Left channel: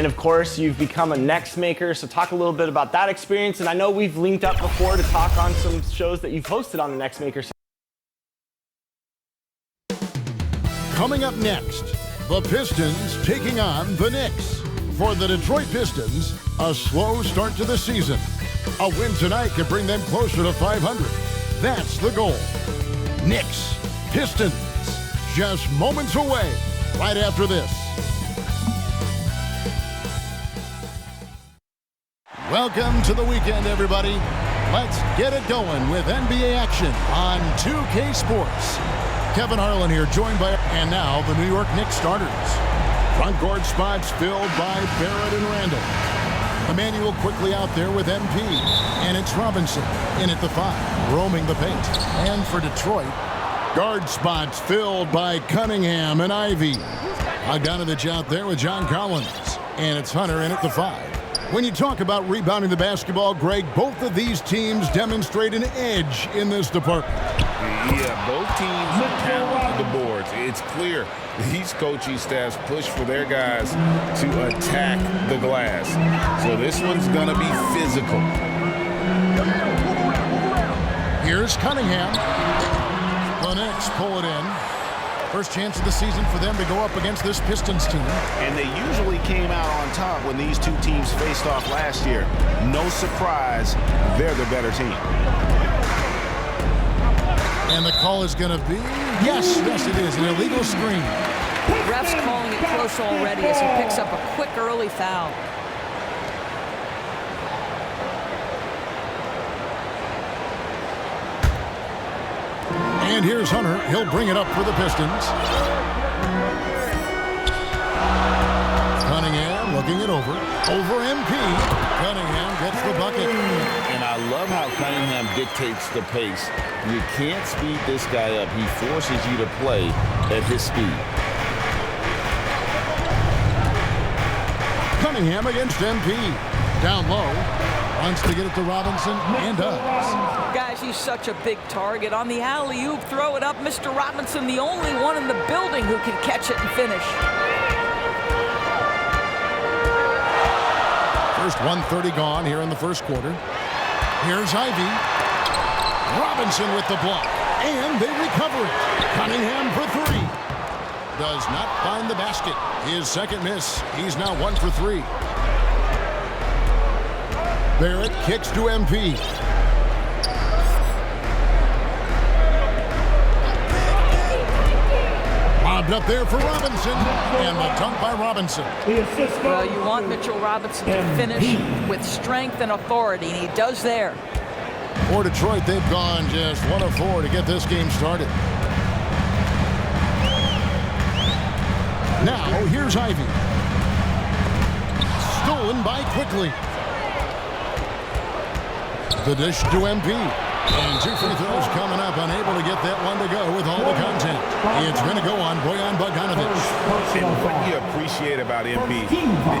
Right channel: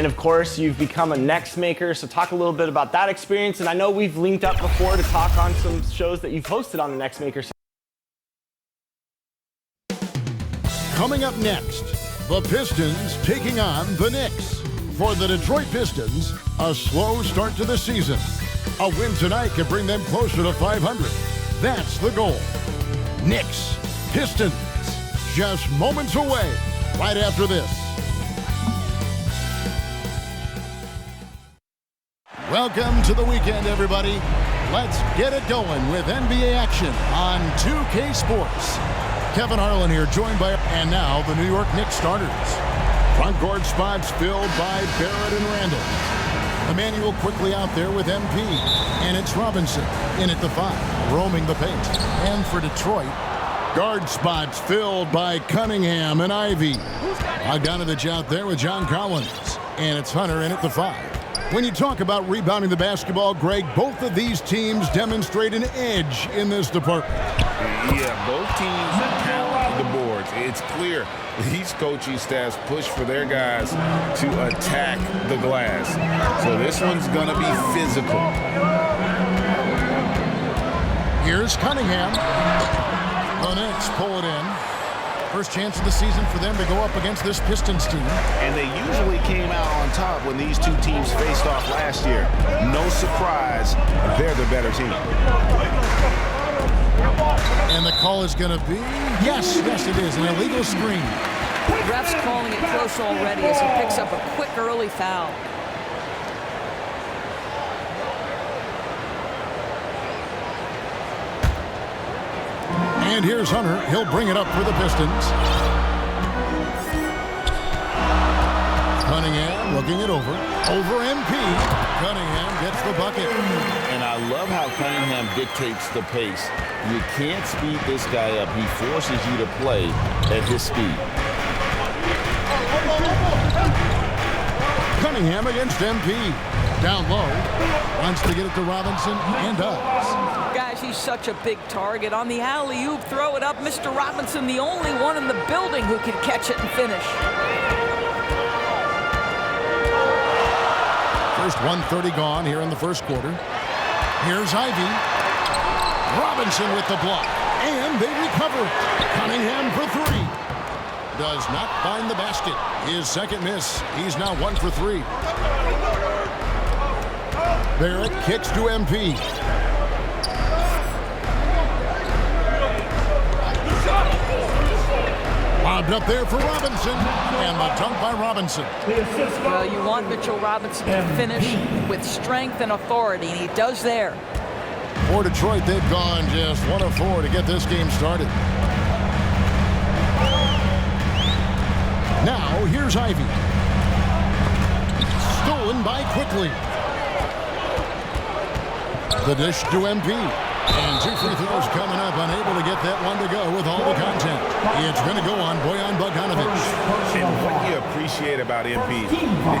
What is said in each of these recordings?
And of course, you've become a Knicks maker, so talk a little bit about that experience. And I know we've linked up before to talk on some shows that you've hosted on the Knicks maker. Coming up next, the Pistons taking on the Knicks. For the Detroit Pistons, a slow start to the season. A win tonight can bring them closer to 500. That's the goal. Knicks, Pistons, just moments away, right after this. Welcome to the weekend, everybody. Let's get it going with NBA action on 2K Sports. Kevin Harlan here, joined by, and now the New York Knicks starters. Front court spots filled by Barrett and Randall. Emmanuel quickly out there with MP. And it's Robinson in at the 5, roaming the paint. And for Detroit, guard spots filled by Cunningham and Ivy. Bogdanovich out there with John Collins. And it's Hunter in at the 5. When you talk about rebounding the basketball, Greg, both of these teams demonstrate an edge in this department. Yeah, both teams pound the boards. It's clear these coaching staffs push for their guys to attack the glass. So this one's going to be physical. Here's Cunningham. The Knicks pull it in. First chance of the season for them to go up against this Pistons team. And they usually came out on top when these two teams faced off last year. No surprise, they're the better team. And the call is going to be, yes, it is, an illegal screen. Ref's calling it close already as he picks up a quick early foul. And here's Hunter. He'll bring it up for the Pistons. Cunningham looking it over. Over MP. Cunningham gets the bucket. And I love how Cunningham dictates the pace. You can't speed this guy up. He forces you to play at his speed. Cunningham against MP. Down low. Wants to get it to Robinson and does. Guys, he's such a big target. On the alley-oop, throw it up. Mr. Robinson, the only one in the building who can catch it and finish. First 1:30 gone here in the first quarter. Here's Ivy. Robinson with the block. And they recover it. Cunningham for 3. Does not find the basket. His second miss. He's now 1 for 3. Barrett kicks to MP. Lobbed up there for Robinson. And the dunk by Robinson. Well, you want Mitchell Robinson to finish with strength and authority, and he does there. For Detroit, they've gone just 1 of 4 to get this game started. Now, here's Ivy. Stolen by Quickly. The dish to MP. And 2 free throws coming up, unable to get that one to go with all the contact. It's going to go on Bojan Bogdanovich. And what you appreciate about MP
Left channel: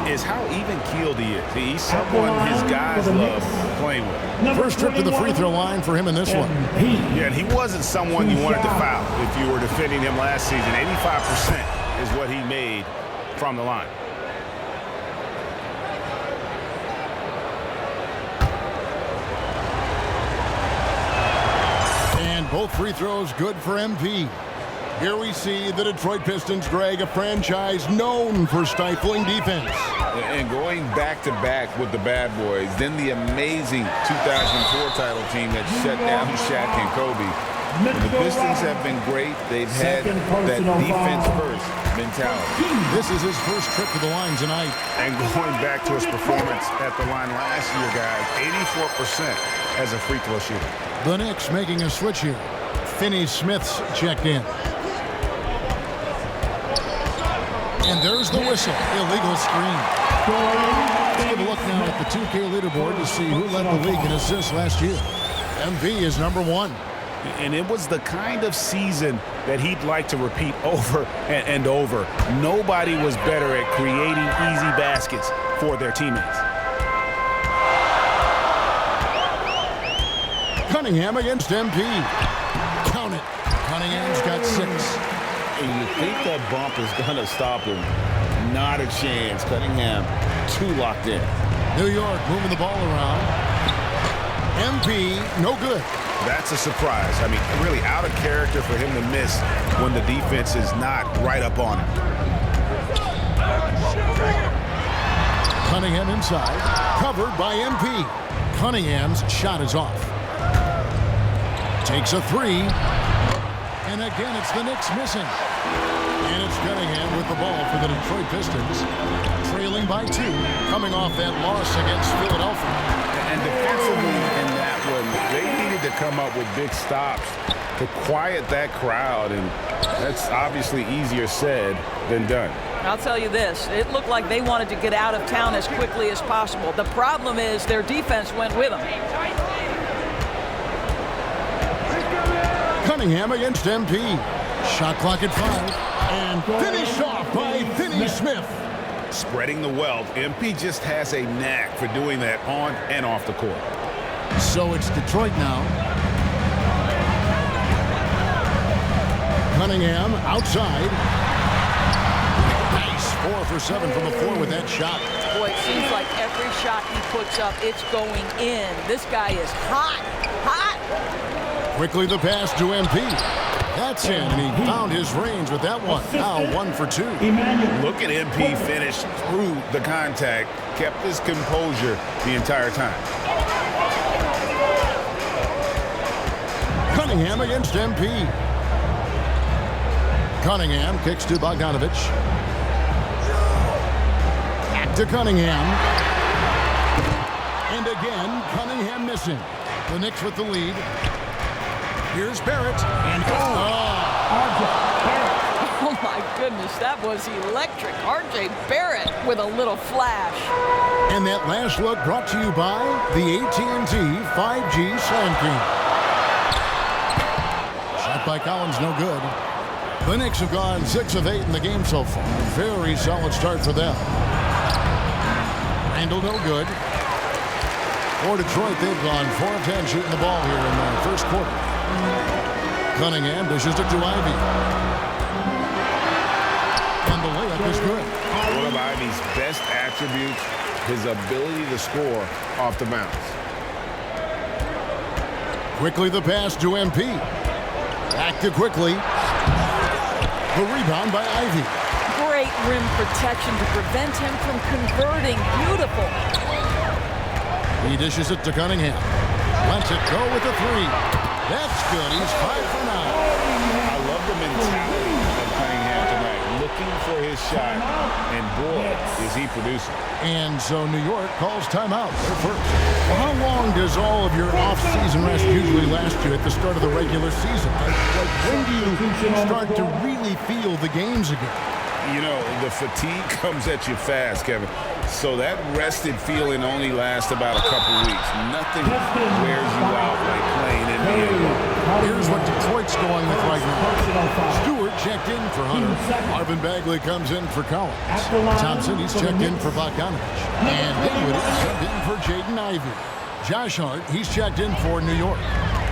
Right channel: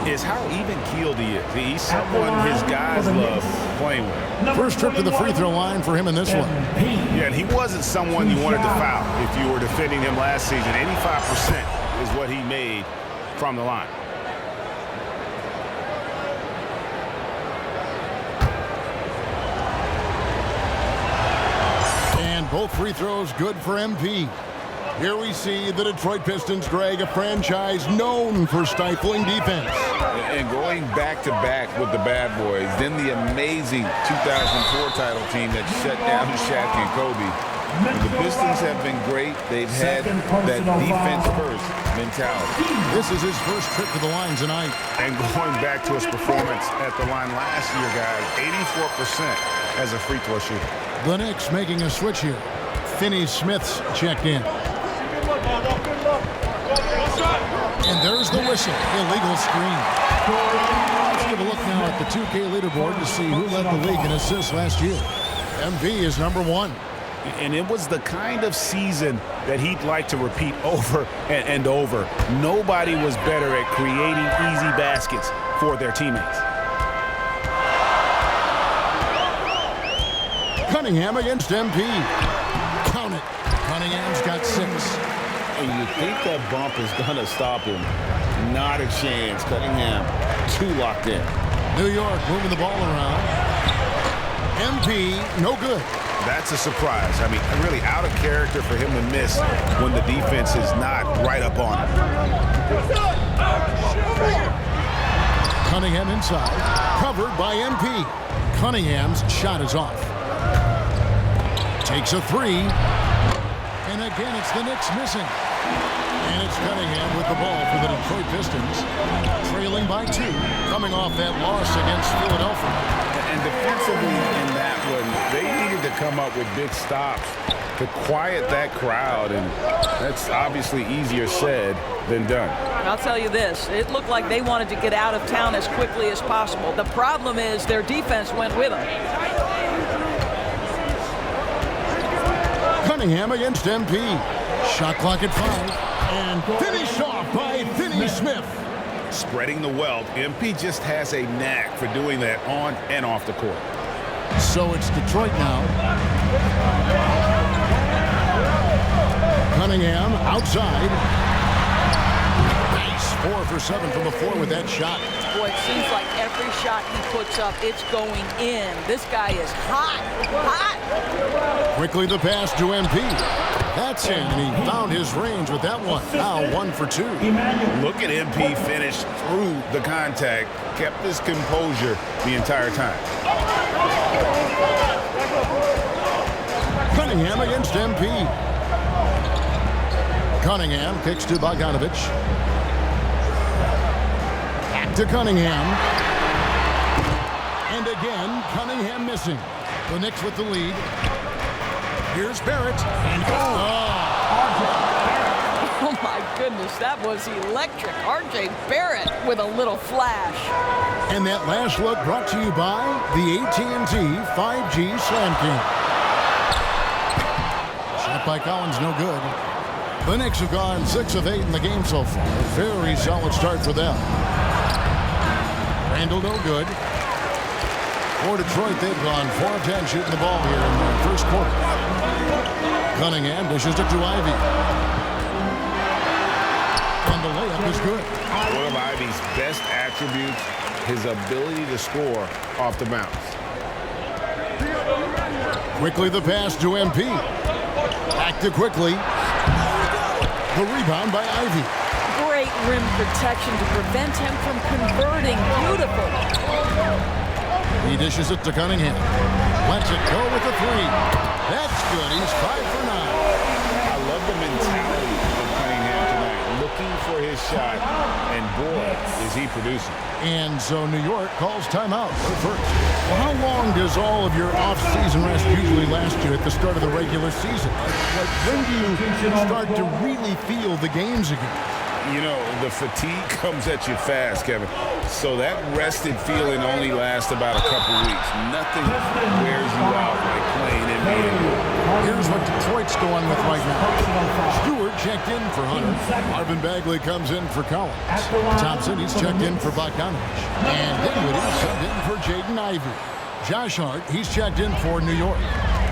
is how even-keeled he is. He's someone his guys love playing with. First trip to the free throw line for him in this one. Yeah, and he wasn't someone you wanted to foul if you were defending him last season. 85% is what he made from the line. And both free throws good for MP. Here we see the Detroit Pistons, Greg, a franchise known for stifling defense. And going back-to-back with the bad boys, then the amazing 2004 title team that shut down Shaq and Kobe. When the Pistons have been great, they've had that defense-first mentality. This is his first trip to the line tonight. And going back to his performance at the line last year, guys, 84% as a free throw shooter. The Knicks making a switch here. Finney-Smith's checked in. And there's the whistle. Illegal screen. Let's give a look now at the 2K leaderboard to see who led the league in assists last year. MP is number 1. And it was the kind of season that he'd like to repeat over and over. Nobody was better at creating easy baskets for their teammates. Cunningham against MP. Count it. Cunningham's got 6. And you think that bump is going to stop him. Not a chance. Cunningham too locked in. New York moving the ball around. MP, no good. That's a surprise. I mean, really out of character for him to miss when the defense is not right up on him. Cunningham inside, covered by MP. Cunningham's shot is off. Takes a three. And again, it's the Knicks missing. And it's Cunningham with the ball for the Detroit Pistons. Trailing by 2, coming off that loss against Philadelphia. And defensively in that one, they needed to come up with big stops to quiet that crowd, and that's obviously easier said than done. I'll tell you this, it looked like they wanted to get out of town as quickly as possible. The problem is their defense went with them. Cunningham against MP. Shot clock at 5. And finished off by Finney-Smith. Spreading the wealth, MP just has a knack for doing that on and off the court. So it's Detroit now. Cunningham outside. Nice 4 for 7 from the floor with that shot. Boy, it seems like every shot he puts up, it's going in. This guy is hot, hot. Quickly the pass to MP. That's in, and he found his range with that one. Now 1 for 2. Look at MP finish through the contact, kept his composure the entire time. Cunningham against MP. Cunningham kicks to Bogdanovich. Back to Cunningham. And again, Cunningham missing. The Knicks with the lead. Here's Barrett. And Oh my goodness, that was electric. RJ Barrett with a little flash. And that last look brought to you by the AT&T 5G Slam King. Shot by Collins, no good. The Knicks have gone 6 of 8 in the game so far. A very solid start for them. Randall, no good. For Detroit, they've gone 4 of 10 shooting the ball here in the first quarter. Cunningham dishes it to Ivy. And the layup is good. One of Ivy's best attributes, his ability to score off the bounce. Quickly the pass to MP. Back to Quickly. The rebound by Ivy. Great rim protection to prevent him from converting. Beautiful. He dishes it to Cunningham. Lets it go with a 3. That's good. He's 5 for 9. I love the mentality of Cunningham tonight, looking for his shot, and boy, is he producing. And so New York calls timeout. They're first. Well, how long does all of your off-season rest usually last you at the start of the regular season? Like when do you start to really feel the games again? You know, the fatigue comes at you fast, Kevin. So that rested feeling only lasts about a couple weeks. Nothing wears you out like playing NBA ball. Here's what Detroit's going with right now. Stewart checked in for Hunter. Marvin Bagley comes in for Collins. Thompson, he's checked in for Bogdanovich. And Dinwiddie subbed in for Jaden Ivey. Josh Hart, he's checked in for New York.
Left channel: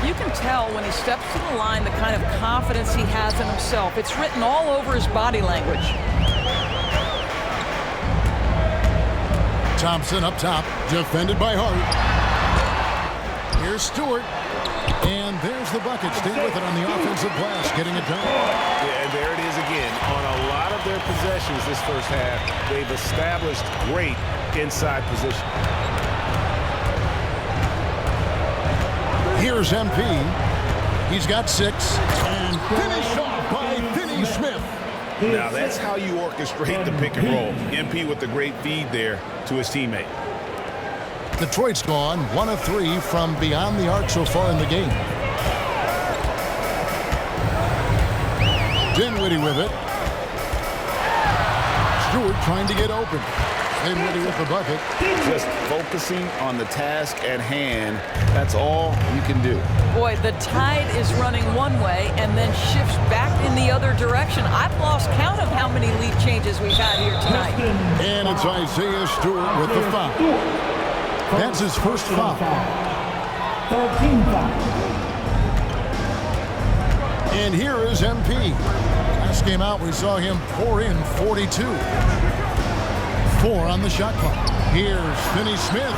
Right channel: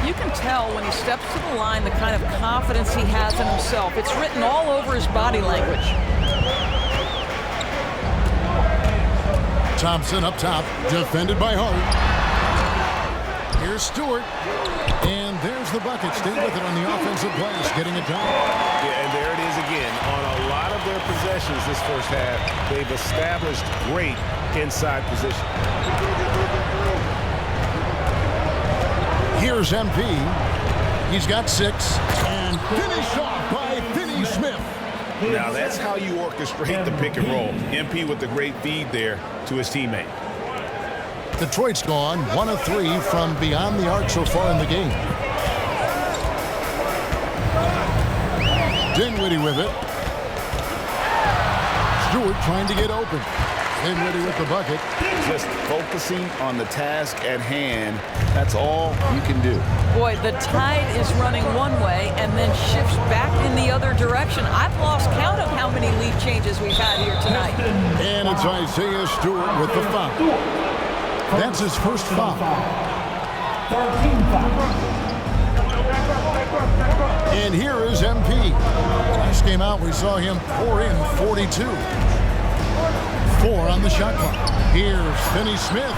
You can tell when he steps to the line the kind of confidence he has in himself. It's written all over his body language. Thompson up top, defended by Hart. Here's Stewart. And there's the bucket. Stay with it on the offensive glass, getting it done. Yeah, and there it is again. On a lot of their possessions this first half, they've established great inside position. Here's MP. He's got 6. And finished off by Finney-Smith. Now that's how you orchestrate the pick and roll. MP with the great feed there to his teammate. Detroit's gone 1 of 3 from beyond the arc so far in the game. Dinwiddie with it. Stewart trying to get open. Dinwiddie with the bucket. Just focusing on the task at hand, that's all you can do. Boy, the tide is running one way and then shifts back in the other direction. I've lost count of how many lead changes we've had here tonight. And it's Isaiah Stewart with the foul. That's his first foul. 13 fouls. And here is MP. Last game out, we saw him pour in 42. 4 on the shot clock. Here's Finney Smith.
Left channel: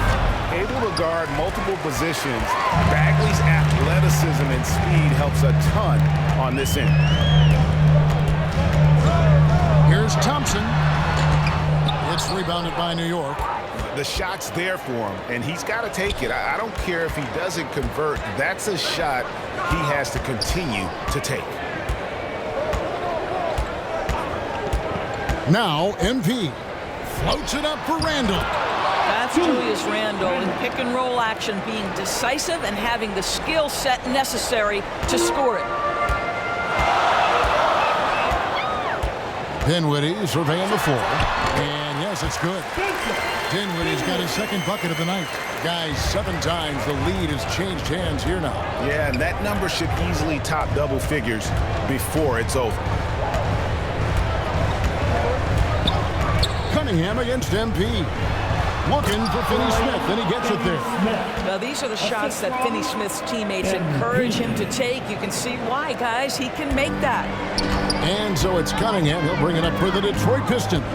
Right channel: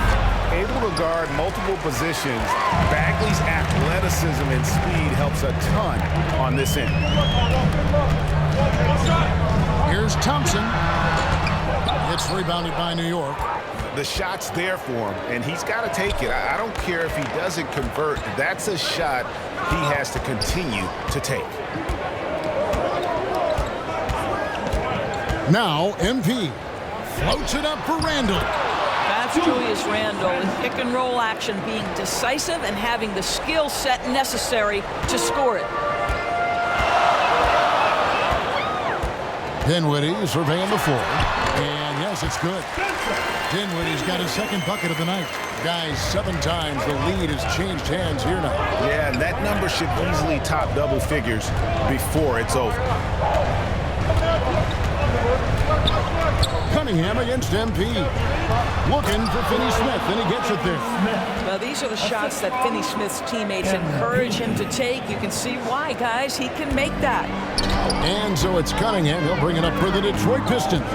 Able to guard multiple positions, Bagley's athleticism and speed helps a ton on this end. Here's Thompson. It's rebounded by New York. The shot's there for him, and he's got to take it. I don't care if he doesn't convert. That's a shot he has to continue to take. Now MP floats it up for Randall. That's Julius Randle in pick and roll action, being decisive and having the skill set necessary to score it. Dinwiddie surveying the floor. And yes, it's good. Dinwiddie's got his second bucket of the night. Guys, 7 times the lead has changed hands here now. Yeah, and that number should easily top double figures before it's over. Cunningham against MP. Looking for Finney Smith, and he gets it there. Now, these are the shots that Finney Smith's teammates encourage him to take. You can see why, guys. He can make that. And so it's Cunningham. He'll bring it up for the Detroit Pistons.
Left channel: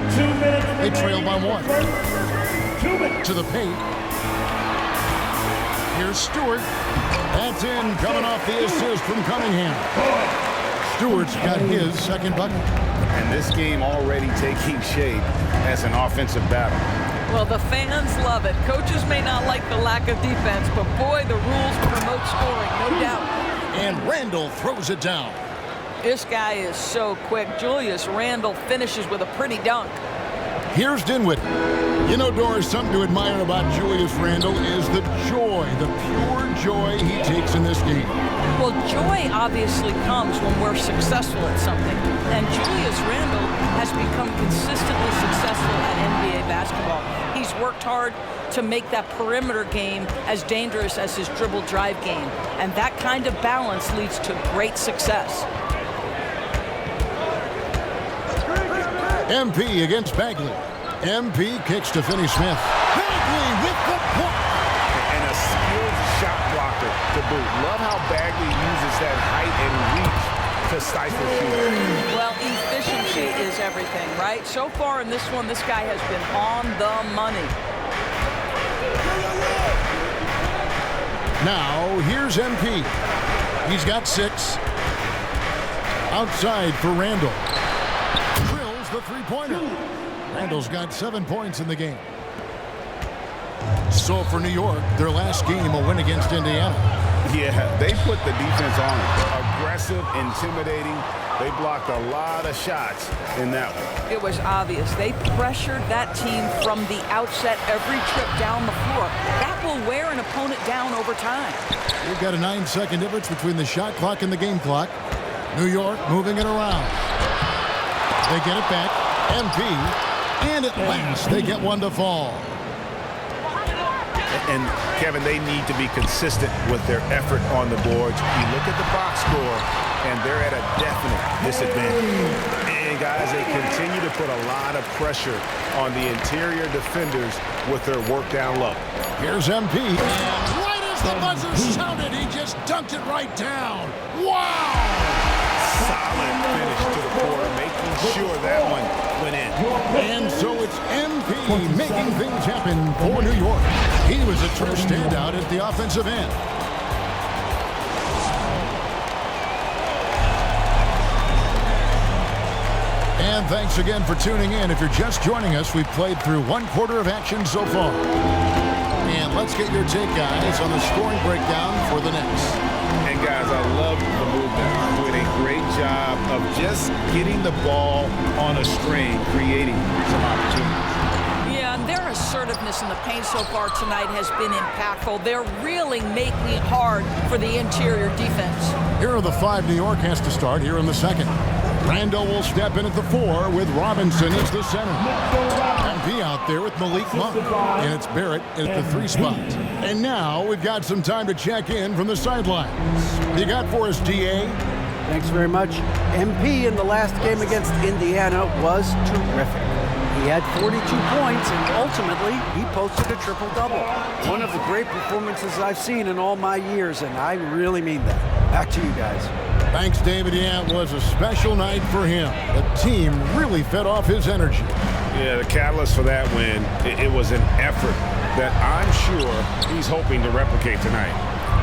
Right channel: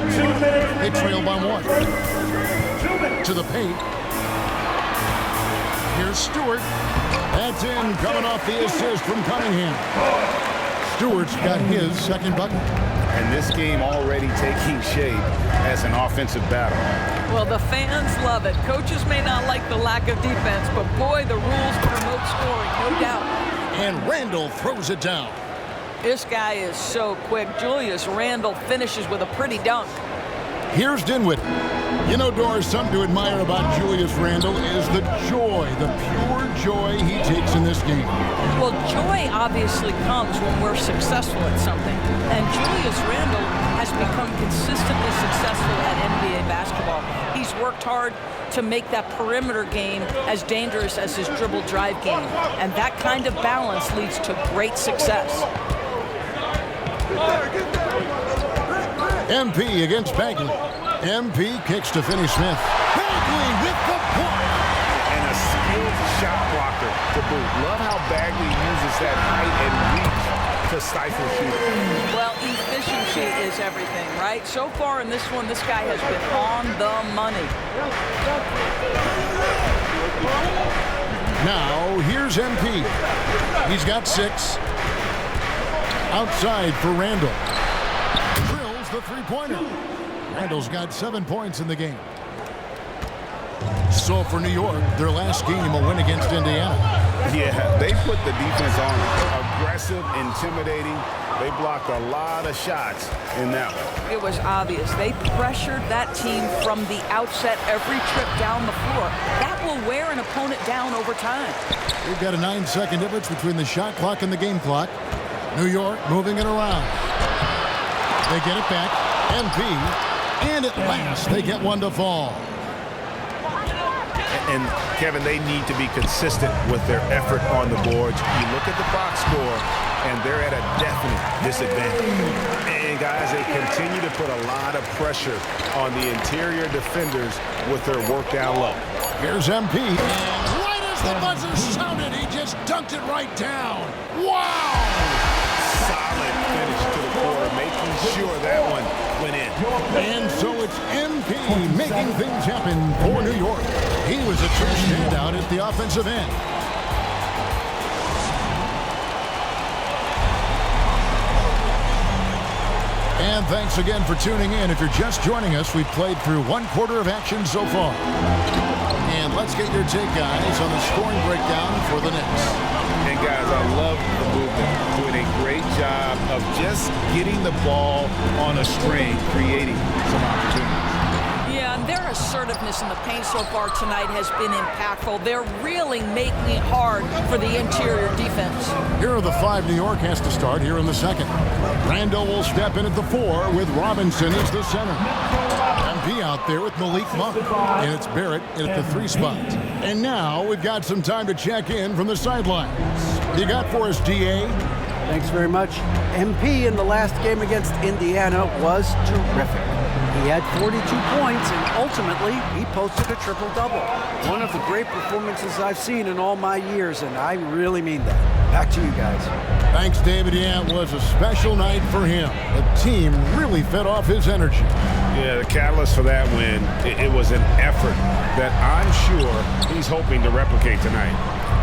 They trail by 1. To the paint. Here's Stewart. That's in, coming off the assist from Cunningham. Stewart's got his second bucket. And this game already taking shape as an offensive battle. Well, the fans love it. Coaches may not like the lack of defense, but boy, the rules promote scoring, no doubt. And Randall throws it down. This guy is so quick. Julius Randle finishes with a pretty dunk. Here's Dinwiddie. You know, Doris, something to admire about Julius Randle is the joy, the pure joy he takes in this game. Well, joy obviously comes when we're successful at something. And Julius Randle has become consistently successful at NBA basketball. He's worked hard to make that perimeter game as dangerous as his dribble drive game. And that kind of balance leads to great success. MP against Bagley. MP kicks to Finney Smith. Bagley with the block. And a skilled shot blocker to boot. Love how Bagley uses that height and reach to stifle shooting. Well, efficiency is everything, right? So far in this one, this guy has been on the money. Now, here's MP. He's got 6. Outside for Randall. Drills the three-pointer. Randall's got 7 points in the game. So for New York, their last game, a win against Indiana. Yeah, they put the defense on them. Aggressive, intimidating. They blocked a lot of shots in that one. It was obvious. They pressured that team from the outset every trip down the floor. That will wear an opponent down over time. We've got a 9-second difference between the shot clock and the game clock. New York moving it around. They get it back. MP. And at last, they get one to fall. And Kevin, they need to be consistent with their effort on the boards. You look at the box score, and they're at a definite disadvantage. And guys, they continue to put a lot of pressure on the interior defenders with their work down low. Here's MP. And right as the buzzer sounded, he just dunked it right down. Wow! Solid finish to the quarter, making sure that one went in. And so it's MP making things happen for New York. He was a true standout at the offensive end. And thanks again for tuning in. If you're just joining us, we've played through 1/4 of action so far. And let's get your take, guys, on the scoring breakdown for the Knicks. And guys, I love the movement, doing a great job of just getting the ball on a string, creating some opportunities. Yeah, and their assertiveness in the paint so far tonight has been impactful. They're really making it hard for the interior defense. Here are the 5 New York has to start here in the second. Randall will step in at the 4 with Robinson as the center. MP out there with Malik Monk, and it's Barrett at the 3 spot. And now we've got some time to check in from the sidelines. What do you got for us, DA? Thanks very much. MP in the last game against Indiana was terrific. He had 42 points, and ultimately, he posted a triple-double. One of the great performances I've seen in all my years, and I really mean that. Back to you guys. Thanks, David. Yeah, it was a special night for him. The team really fed off his energy. Yeah, the catalyst for that win, it was an effort that I'm sure he's hoping to replicate tonight.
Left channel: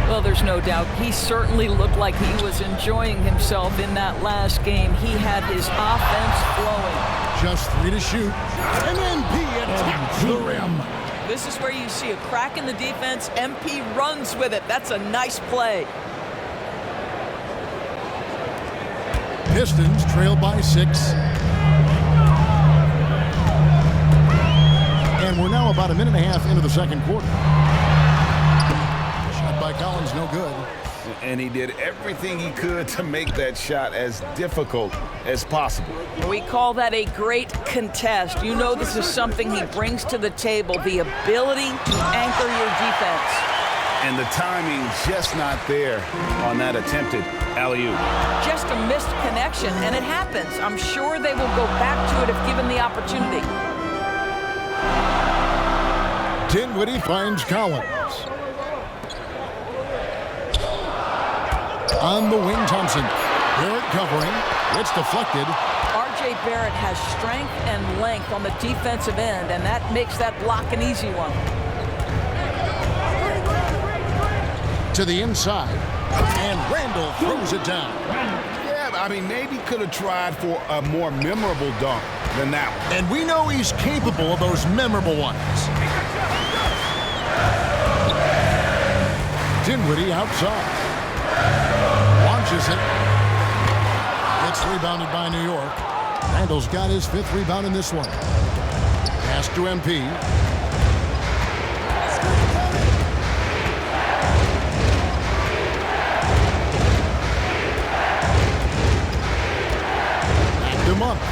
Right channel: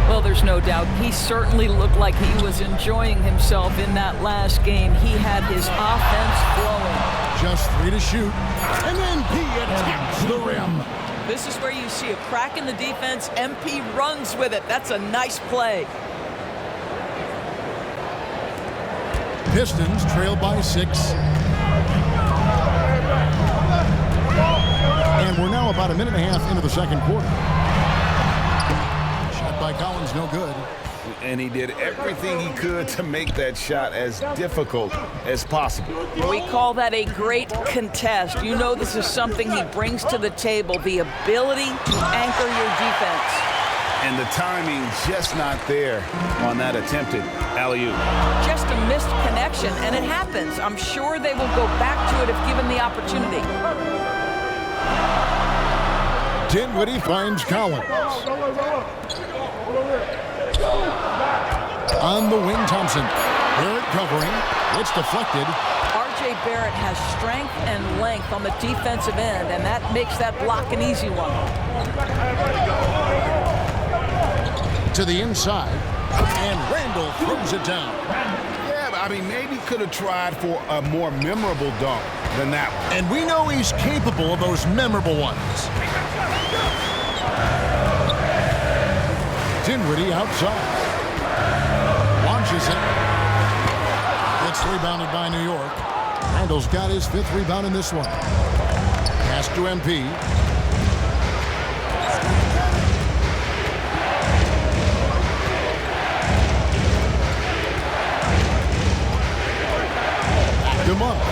Well, there's no doubt. He certainly looked like he was enjoying himself in that last game. He had his offense flowing. Just 3 to shoot, and MP attacks the rim. This is where you see a crack in the defense. MP runs with it. That's a nice play. Pistons trail by 6. And we're now about a minute and a half into the second quarter. Shot by Collins, no good. And he did everything he could to make that shot as difficult as possible. We call that a great contest. You know this is something he brings to the table, the ability to anchor your defense. And the timing just not there on that attempted alley-oop. Just a missed connection, and it happens. I'm sure they will go back to it if given the opportunity. Dinwiddie finds Collins. On the wing, Thompson. Barrett covering. It's deflected. R.J. Barrett has strength and length on the defensive end, and that makes that block an easy one. To the inside, and Randall throws it down. Yeah, I mean, maybe could have tried for a more memorable dunk than that one. And we know he's capable of those memorable ones. Dinwiddie outside. Launches it. It's rebounded by New York. Randall's got his 5th rebound in this one. Pass to MP. Back to Monk.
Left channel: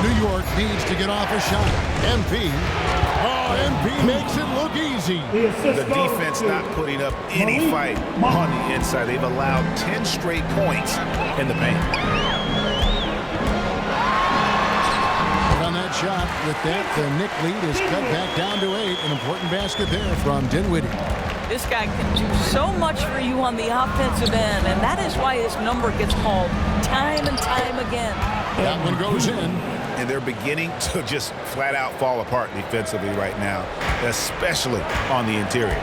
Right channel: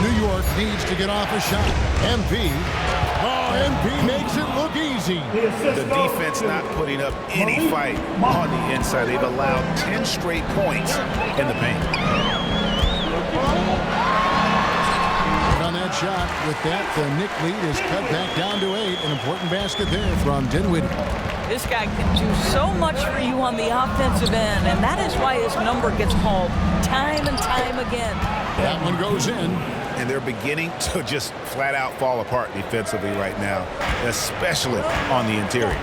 New York needs to get off a shot. MP. Oh, MP makes it look easy. The defense not putting up any fight on the inside. They've allowed 10 straight points in the paint. Put on that shot. With that, the Knicks lead is cut back down to 8. An important basket there from Dinwiddie. This guy can do so much for you on the offensive end, and that is why his number gets called time and time again. That one goes in. And they're beginning to just flat out fall apart defensively right now, especially on the interior.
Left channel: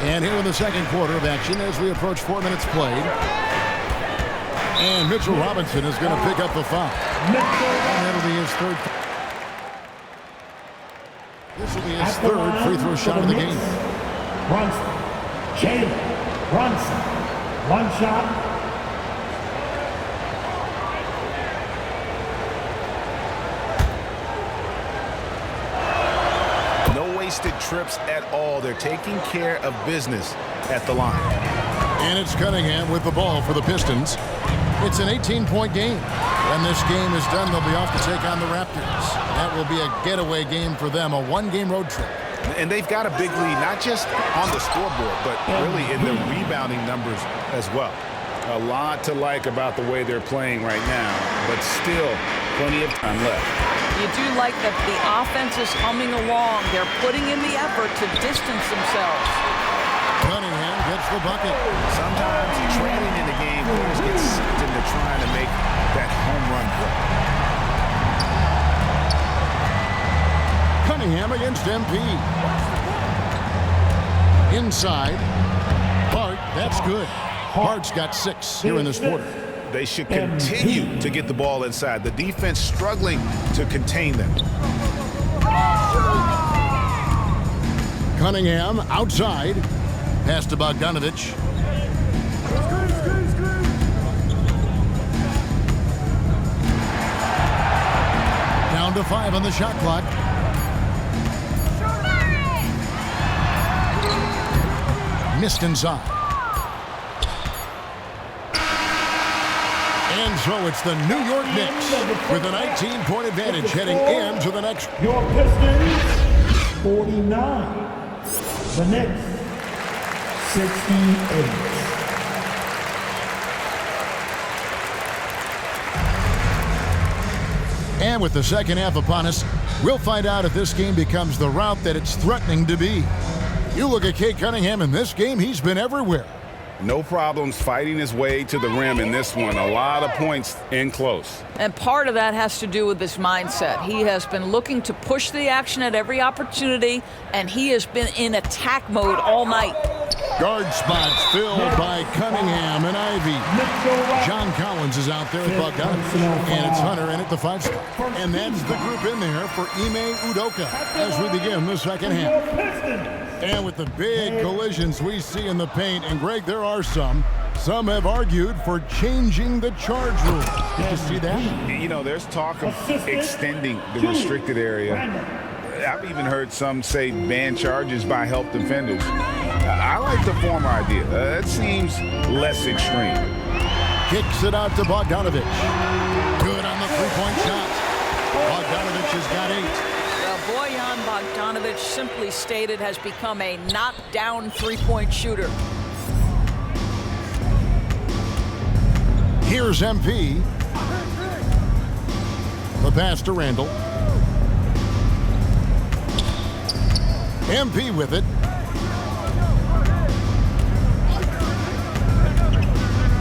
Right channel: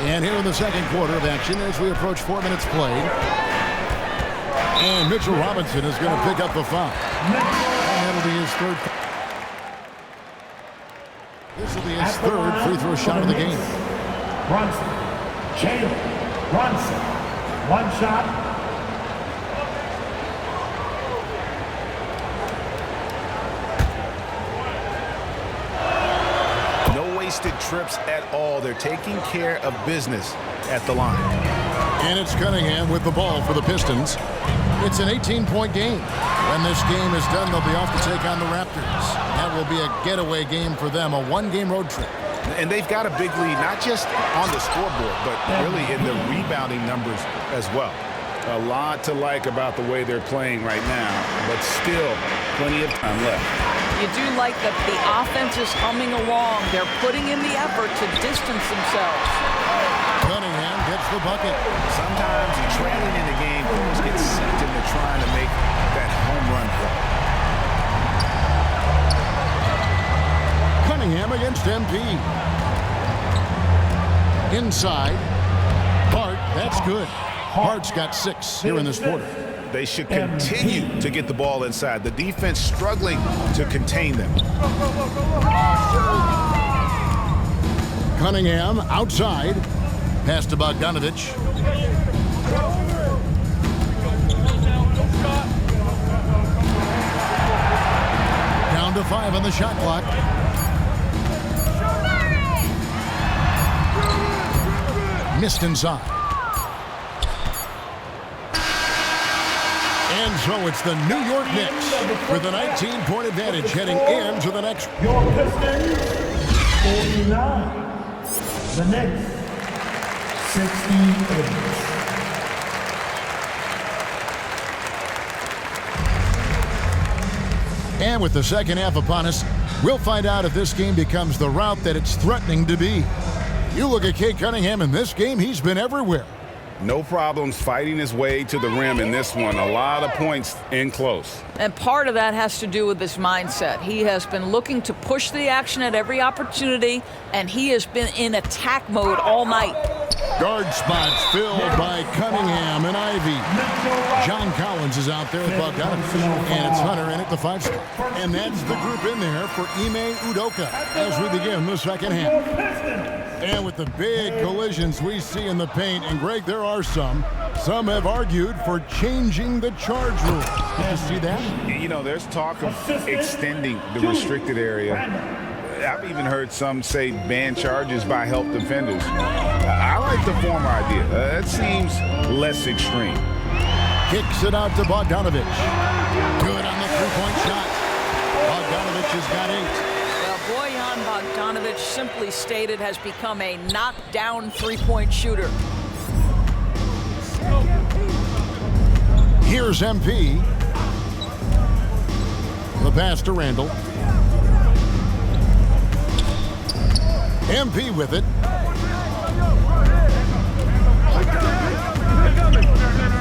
And here in the second quarter of action as we approach 4 minutes played. And Mitchell Robinson is going to pick up the foul. And that'll be his 3rd. This will be his 3rd free throw shot of the game. Brunson. Jalen Brunson. One shot. No wasted trips at all. They're taking care of business at the line. And it's Cunningham with the ball for the Pistons. It's an 18-point game. When this game is done, they'll be off to take on the Raptors. That will be a getaway game for them, a 1-game road trip. And they've got a big lead, not just on the scoreboard, but really in the rebounding numbers as well. A lot to like about the way they're playing right now, but still plenty of time left. You do like that the offense is humming along. They're putting in the effort to distance themselves. Cunningham gets the bucket. Sometimes trailing in the game, players get sucked into trying to make that home run play. Cunningham against MP. Inside. Hart, that's good. Hart's got 6 here in this quarter. They should continue to get the ball inside. The defense struggling to contain them. Cunningham outside. Pass to Bogdanovich. Down to 5 on the shot clock. Missed inside. And so it's the New York Knicks with a 19-point advantage heading into the next. Your Pistons, 49. The Knicks, 68. And with the second half upon us, we'll find out if this game becomes the rout that it's threatening to be. You look at Cade Cunningham in this game, he's been everywhere. No problems fighting his way to the rim in this one. A lot of points in close. And part of that has to do with his mindset. He has been looking to push the action at every opportunity, and he has been in attack mode all night. Guard spots filled by Cunningham and Ivy. John Collins is out there with Bogdanovich, and it's Hunter in at the 5 spot. And that's the group in there for Ime Udoka as we begin the second half. And with the big collisions we see in the paint, and Greg, there are some have argued for changing the charge rule. Did you see that? You know, there's talk of extending the restricted area. I've even heard some say ban charges by help defenders. I like the former idea. It seems less extreme. Kicks it out to Bogdanovich. Good on the three-point shot. Bogdanovich has got 8. Well, Bojan Bogdanovic, simply stated, has become a knockdown three-point shooter. Here's MP. The pass to Randall. MP with it.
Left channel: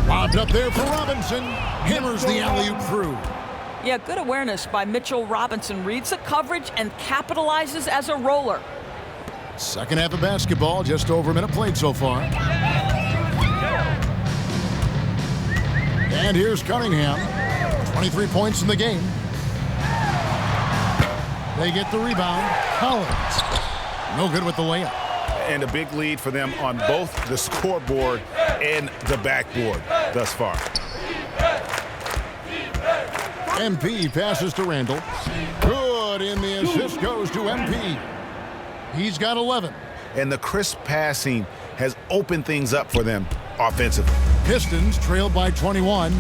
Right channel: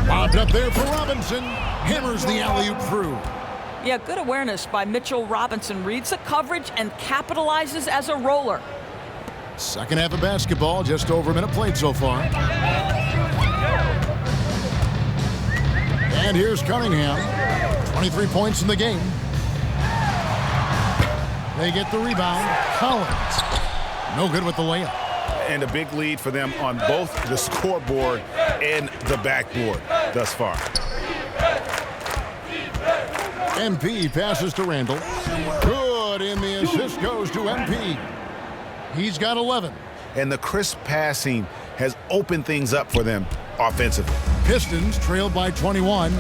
Lobbed up there for Robinson. Hammers the alley-oop through. Yeah, good awareness by Mitchell Robinson. Reads the coverage and capitalizes as a roller. Second half of basketball, just over a minute played so far. And here's Cunningham. 23 points in the game. They get the rebound. Collins. No good with the layup. And a big lead for them on both the scoreboard and the backboard thus far. MP passes to Randall. Good, and the assist goes to MP. He's got 11. And the crisp passing has opened things up for them offensively. Pistons trailed by 21.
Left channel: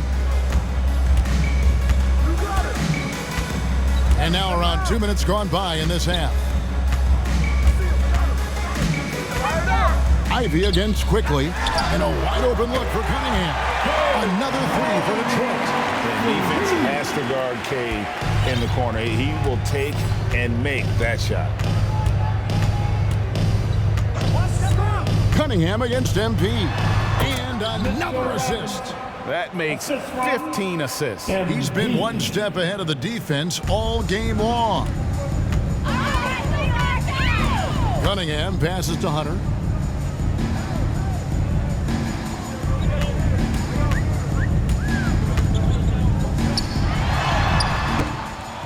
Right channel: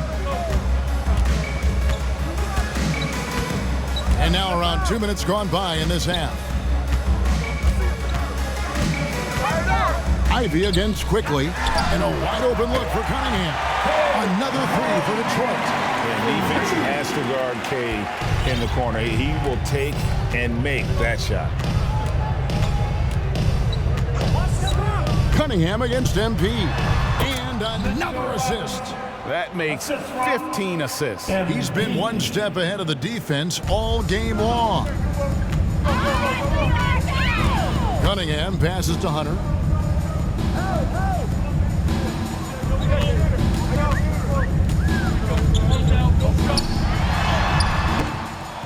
And now around 2 minutes gone by in this half. Ivy against Quickly, and a wide open look for Cunningham. Another 3 for Detroit. And defense has to guard K in the corner. He will take and make that shot. Cunningham against MP. And another assist. That makes 15 assists. He's been one step ahead of the defense all game long. Cunningham passes to Hunter.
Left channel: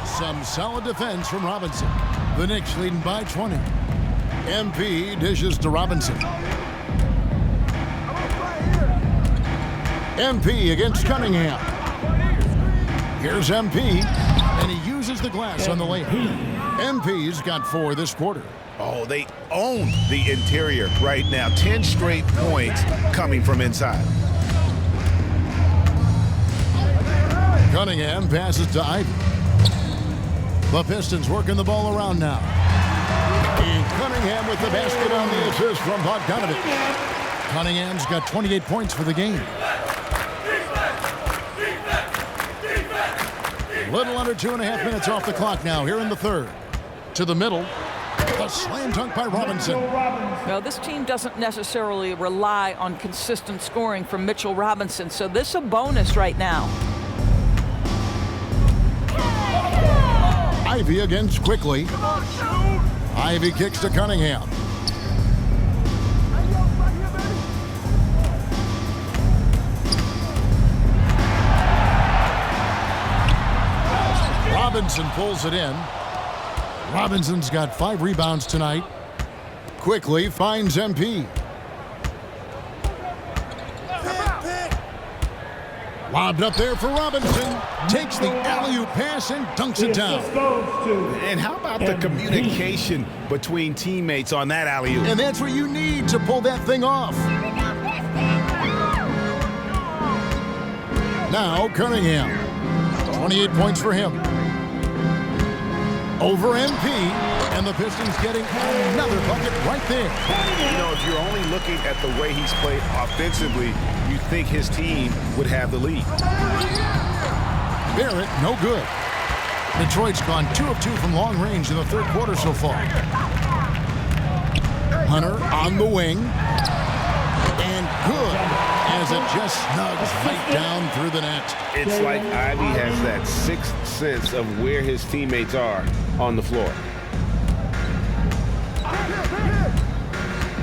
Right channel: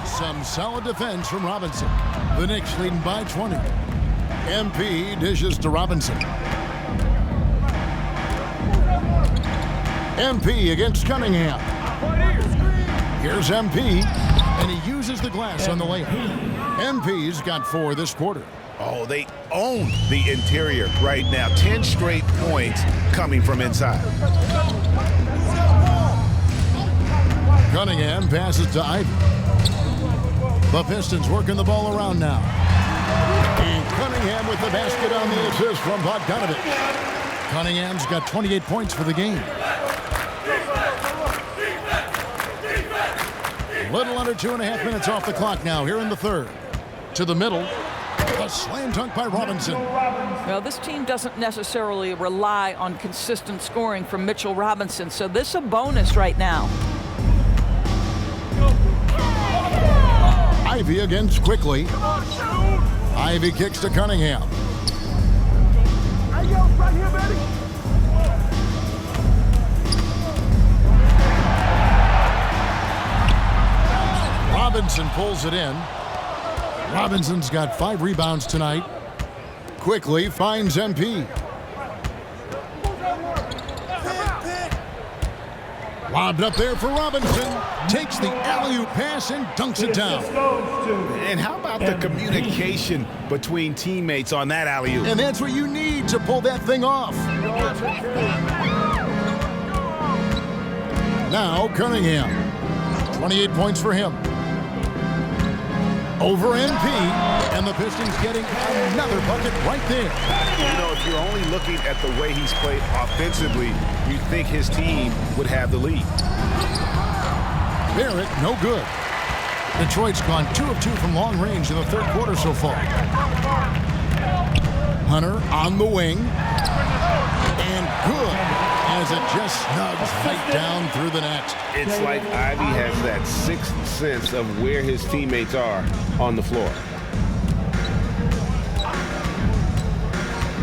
Some solid defense from Robinson. The Knicks leading by 20. MP dishes to Robinson. MP against Cunningham. Here's MP, and he uses the glass on the layup. MP's got 4 this quarter. Oh, they own the interior right now. 10 straight points coming from inside. Cunningham passes to Ivy. The Pistons working the ball around now. And Cunningham with the basket on the assist from Bogdanovich. Cunningham's got 28 points for the game. A little under 2.5 minutes off the clock now here in the third. To the middle. A slam dunk by Robinson. Well, this team doesn't necessarily rely on consistent scoring from Mitchell Robinson, so this is a bonus right now. Ivy against Quickly. Ivy kicks to Cunningham. Right here, baby. Robinson pulls it in. Robinson's got 5 rebounds tonight. Quickly finds MP. Lobbed up there for Robinson. Takes the alley-oop pass and dunks it down. And how about the communication between teammates on that alley-oop? And that's what you need to pull that thing off. Now Cunningham. 28 points for him. Over MP, and the Pistons getting another bucket right there. You know, if you're only looking at the way he's played offensively, you think his team would have the lead. Barrett, no good. Detroit's gone 2 of 2 from long range in the third quarter so far. Hunter on the wing. And good, as it just snugs right down through the net. It's like Ivy has that sixth sense of where his teammates are on the floor.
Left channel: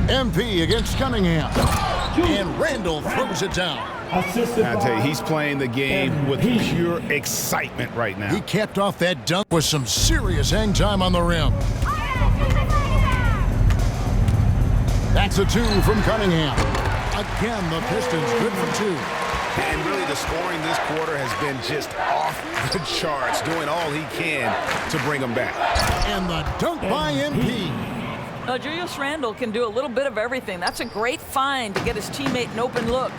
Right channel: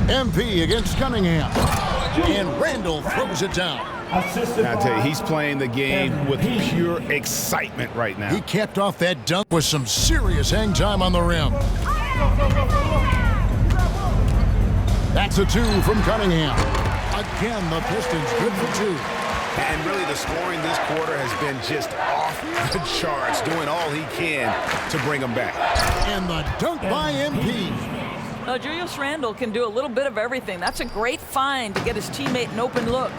MP against Cunningham. And Randall throws it down. I tell you, he's playing the game with pure excitement right now. He capped off that dunk with some serious hang time on the rim. That's a 2 from Cunningham. Again, the Pistons good for 2. And really, the scoring this quarter has been just off the charts, doing all he can to bring them back. And the dunk by MP. Julius Randle can do a little bit of everything. That's a great find to get his teammate an open look.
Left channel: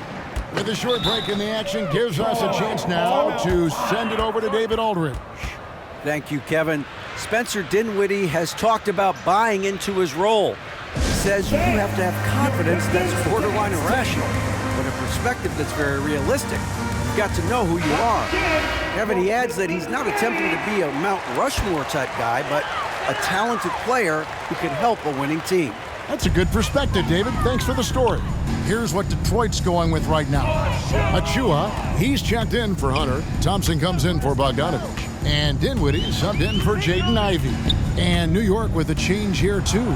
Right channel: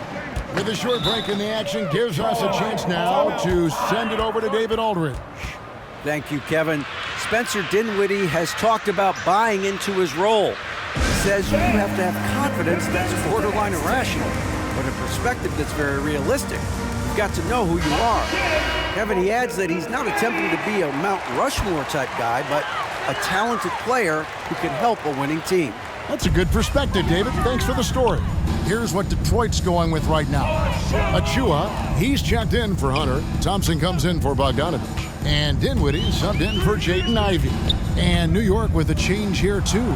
With a short break in the action, gives us a chance now to send it over to David Aldridge. Thank you, Kevin. Spencer Dinwiddie has talked about buying into his role. He says you have to have confidence that's borderline irrational, but a perspective that's very realistic. You've got to know who you are. Kevin, he adds that he's not attempting to be a Mount Rushmore type guy, but a talented player who can help a winning team. That's a good perspective, David. Thanks for the story. Here's what Detroit's going with right now. Achua, he's checked in for Hunter. Thompson comes in for Bogdanovich. And Dinwiddie's subbed in for Jaden Ivey. And New York with a change here, too.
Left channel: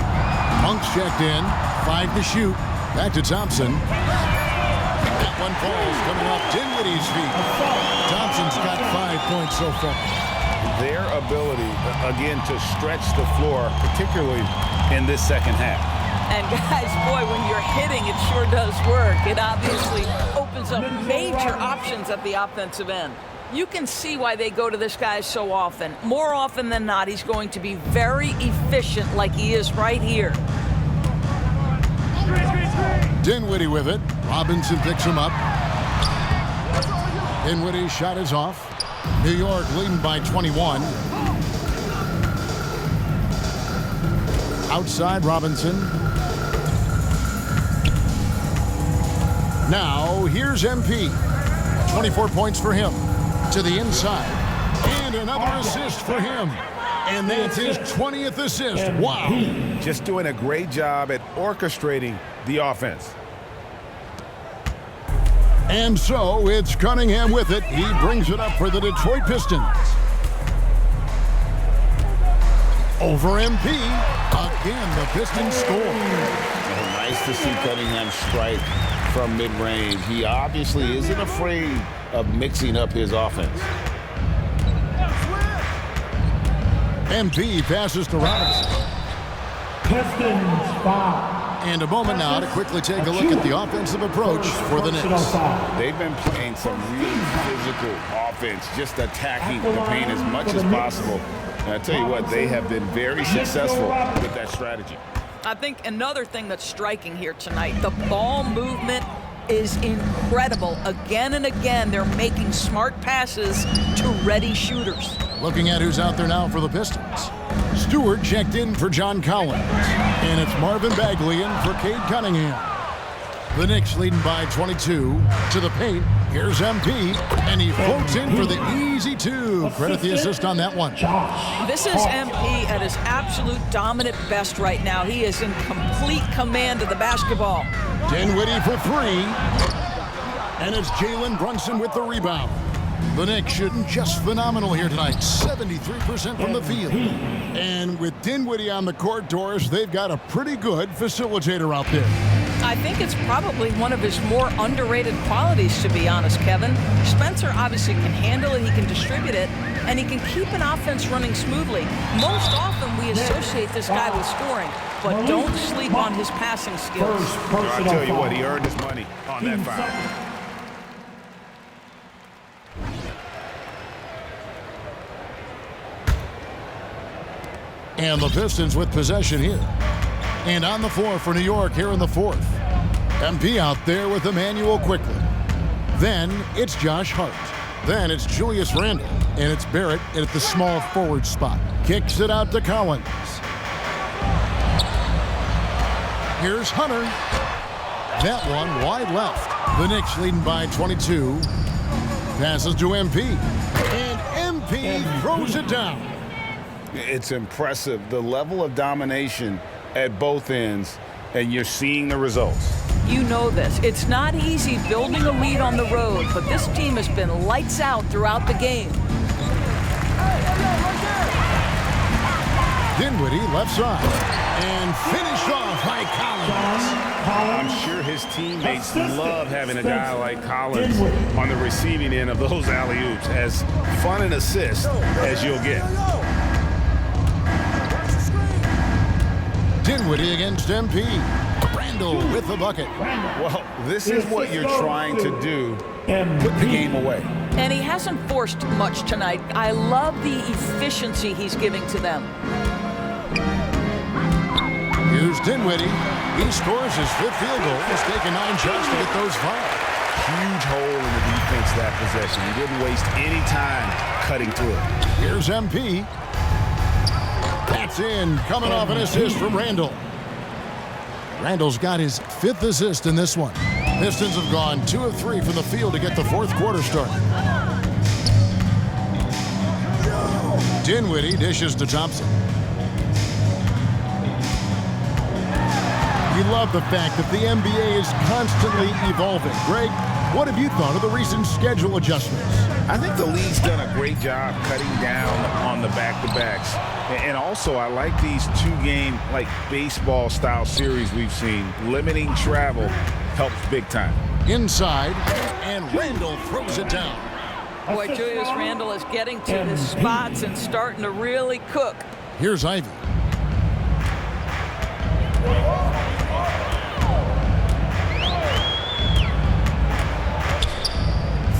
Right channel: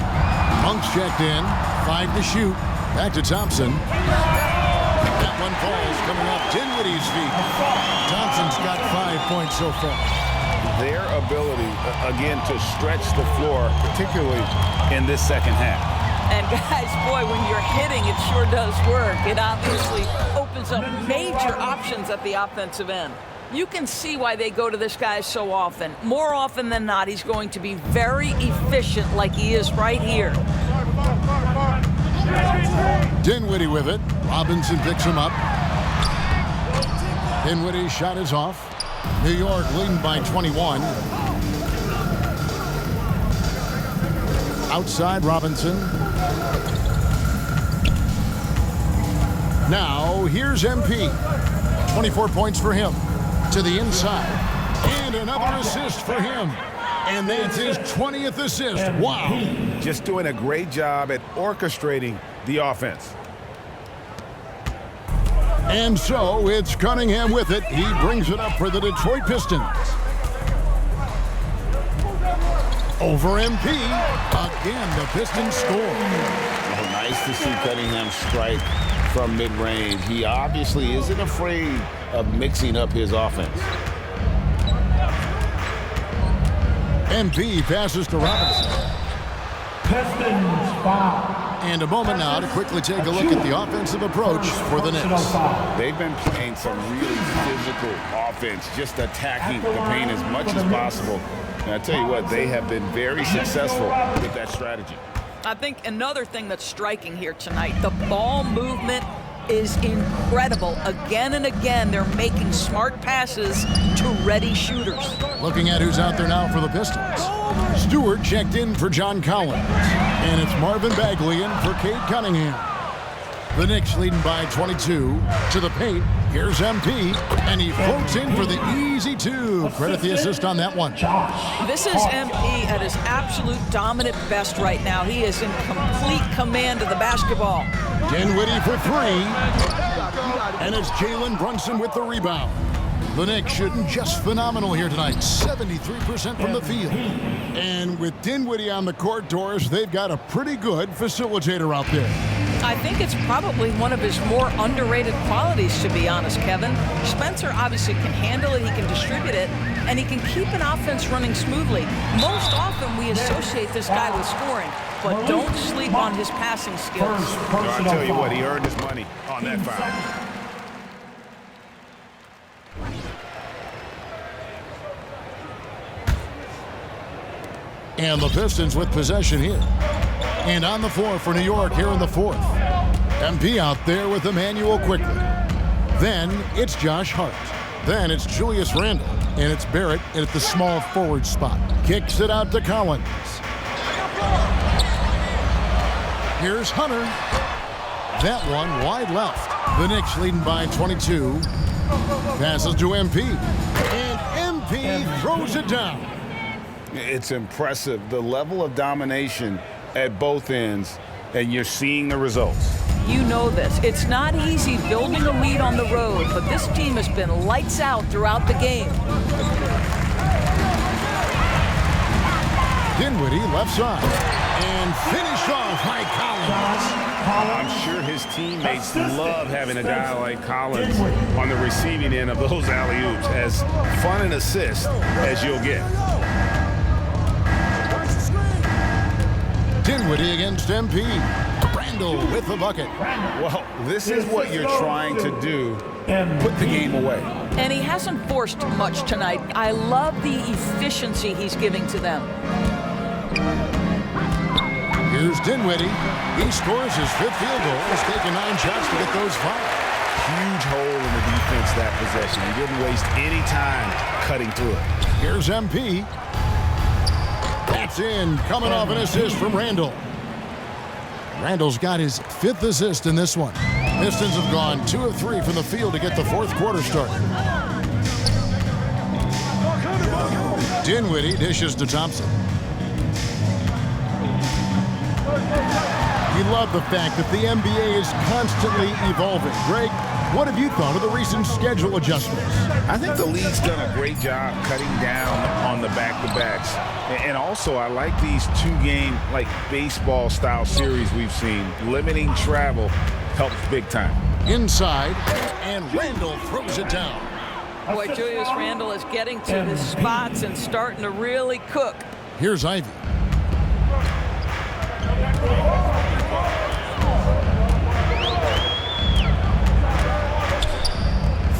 Monk's checked in, 5 to shoot. Back to Thompson. That one falls coming off Dinwiddie's feet. Thompson's got 5 points so far. Their ability, again, to stretch the floor, particularly in this second half. And guys, boy, when you're hitting, it sure does work. It obviously opens up major options at the offensive end. You can see why they go to this guy so often. More often than not, he's going to be very efficient like he is right here. Dinwiddie with it. Robinson picks him up. Dinwiddie's shot is off. New York leading by 21. Outside Robinson. Now here's MP. 24 points for him. To the inside. And another assist for him. And that's his 20th assist. Wow. Just doing a great job at orchestrating the offense. And so it's Cunningham with it. He brings it up for the Detroit Pistons. Over MP. Again, the Pistons score. Oh, nice to see Cunningham strike from mid-range. He obviously isn't afraid of mixing up his offense. MP passes to Robinson. Pistons foul. And a moment now to quickly take a look at the offensive approach for the Knicks. They've been playing some really physical offense, just attacking the paint as much as possible. And I tell you what, they have been very successful with that strategy. I think another thing that's striking here tonight, the ball movement is incredible. Again and again, they're making smart passes to ready shooters. Looking at who's out there now for the Pistons. Stewart checked in for John Collins. And it's Marvin Bagley in for Cade Cunningham. The Knicks leading by 22. To the paint, here's MP. And he floats in for the easy 2. Credit the assist on that one. This is MP at his absolute dominant best right now. He is in complete command of the basketball. Dinwiddie for 3. And it's Jalen Brunson with the rebound. The Knicks shooting just phenomenal here tonight. 73% from the field. And with Dinwiddie on the court, Doris, they've got a pretty good facilitator out there. I think it's probably one of his more underrated qualities, to be honest, Kevin. Spencer obviously can handle it, he can distribute it, and he can keep an offense running smoothly. Most often we associate this guy with scoring, but don't sleep on his passing skills. So I tell you what, he earned his money on that foul. And the Pistons with possession here. And on the floor for New York here in the 4th. MP out there with Emmanuel quickly. Then it's Josh Hart. Then it's Julius Randle. And it's Barrett at the small forward spot. Kicks it out to Collins. Here's Hunter. That one wide left. The Knicks leading by 22. Passes to MP. And MP throws it down. It's impressive, the level of domination at both ends, and you're seeing the results. You know this. It's not easy building a lead on the road, but this team has been lights out throughout the game. Dinwiddie left side and finished off by Collins. I'm sure his teammates love having a guy like Collins on the receiving end of those alley-oops. As fun an assist as you'll get. Dinwiddie against MP. Randall with the bucket. Well, this is what you're trying to do. Put the game away. And he hasn't forced much tonight. I love the efficiency he's giving to them. Here's Dinwiddie. He scores his 5th field goal. He's taken 9 shots to get those 5. Huge hole in the defense that possession. He didn't waste any time cutting through it. Here's MP. That's in, coming off an assist from Randall. Randall's got his 5th assist in this one. Pistons have gone 2 of 3 from the field to get the 4th quarter started. Dinwiddie dishes to Thompson. We love the fact that the NBA is constantly evolving. Greg, what have you thought of the recent schedule adjustments? I think the league's done a great job cutting down on the back-to-backs. And also, I like these 2-game, like baseball-style series we've seen. Limiting travel helps big time. Inside, and Randall throws it down. Boy, Julius Randle is getting to his spots and starting to really cook. Here's Ivy.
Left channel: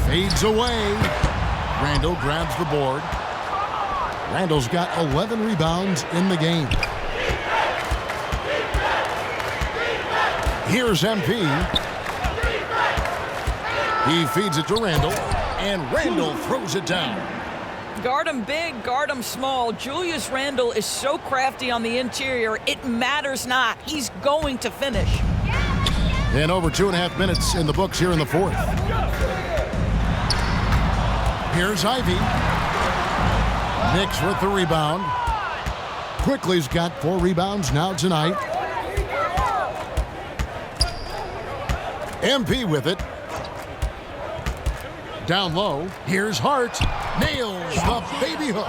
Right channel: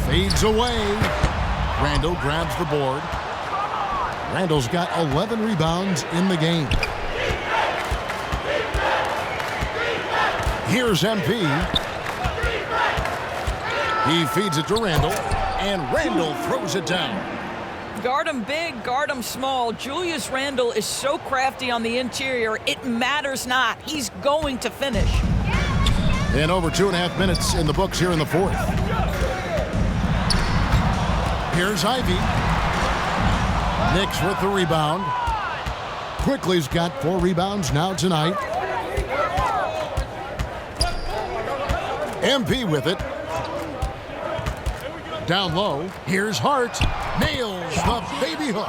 Fades away. Randall grabs the board. Randall's got 11 rebounds in the game. Here's MP. He feeds it to Randall, and Randall throws it down. Guard him big, guard him small. Julius Randle is so crafty on the interior, it matters not. He's going to finish. And over 2.5 minutes in the books here in the 4th. Here's Ivy. Knicks with the rebound. Quickly's got 4 rebounds now tonight. MP with it. Down low. Here's Hart. Nails the baby hook.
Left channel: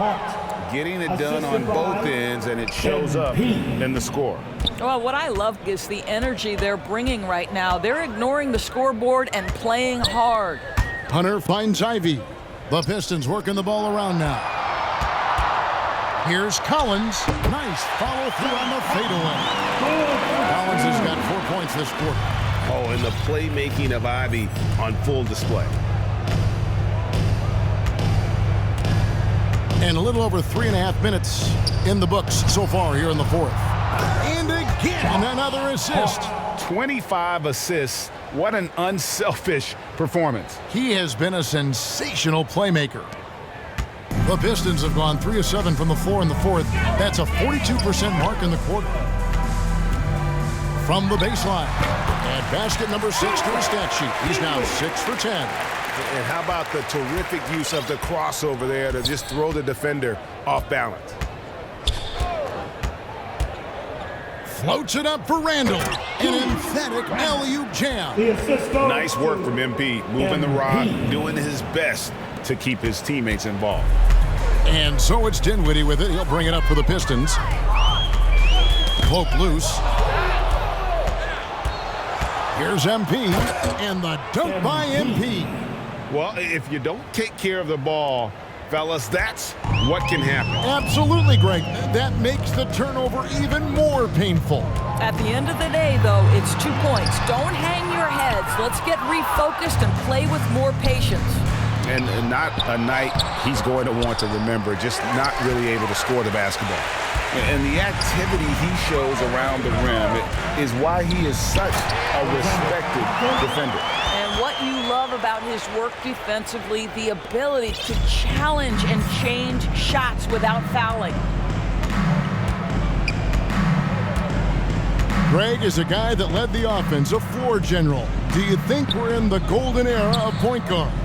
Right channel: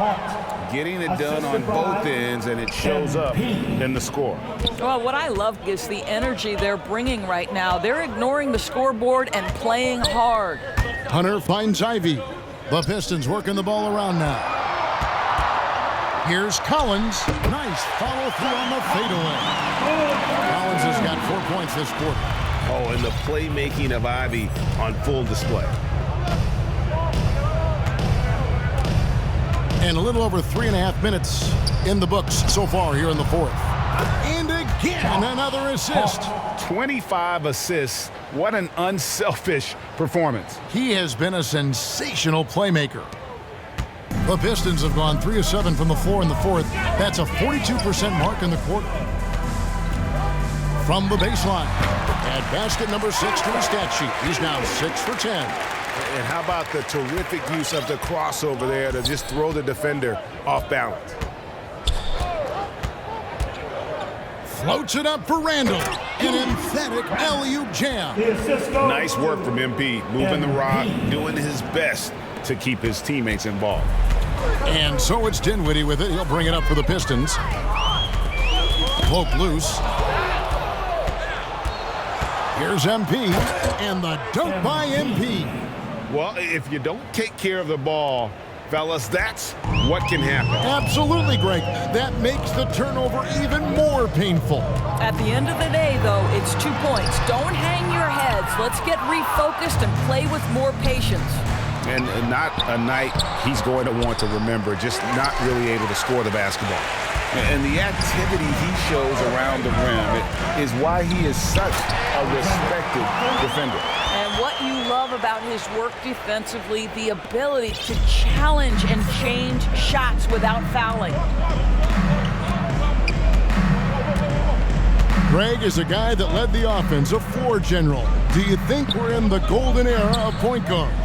Getting it done on both ends, and it shows up in the score. Well, what I love is the energy they're bringing right now. They're ignoring the scoreboard and playing hard. Hunter finds Ivy. The Pistons working the ball around now. Here's Collins. Nice follow through on the fadeaway. Collins has got 4 points this quarter. Oh, and the playmaking of Ivy on full display. And a little over 3.5 minutes in the books so far here in the 4th. And again, another assist. 25 assists. What an unselfish performance. He has been a sensational playmaker. The Pistons have gone 3 of 7 from the floor in the 4th. That's a 42% mark in the quarter. From the baseline, add basket number 6 to his stat sheet. He's now 6 for 10. And how about the terrific use of the crossover there to just throw the defender off balance. Floats it up for Randall. An emphatic alley-oop jam. Nice work from MP, moving the rock, doing his best to keep his teammates involved. And so it's Dinwiddie with it. He'll bring it up for the Pistons. Poke loose. Here's MP. And the dunk by MP. Well, if you don't take care of the ball, fellas, that's what can happen. Absolutely, Greg. That makes the turnover even more painful. At the end of the day, though, it's 2 points. Don't hang your heads. Let's get refocused and play with more patience. And not a night he's going to want to remember, just not really able to score the basketball. And the activity he shows around the rim is why he is such a respected defender. And what you love about his work defensively, the ability to challenge and change shots without fouling. Greg is a guy that led the offense, a floor general. Do you think we're in the golden era of point guards?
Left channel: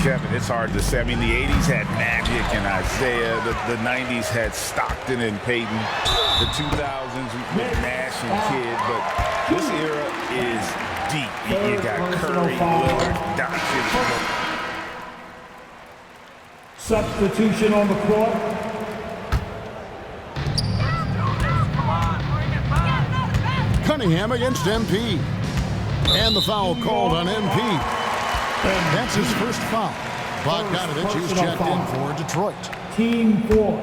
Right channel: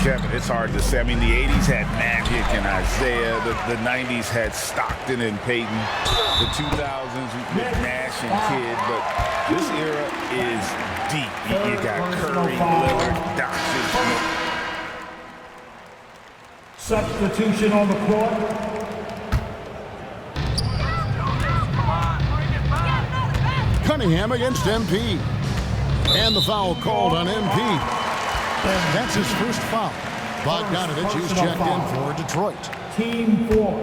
Kevin, it's hard to say. I mean, the 80s had Magic and Isaiah. The 90s had Stockton and Peyton. The 2000s with Nash and Kidd. But this era is deep. You got Curry, Lillard, Doncic. Substitution on the court. Cunningham against MP. And the foul called on MP. That's his first foul. Bogdanovich is checked in for Detroit. Team 4.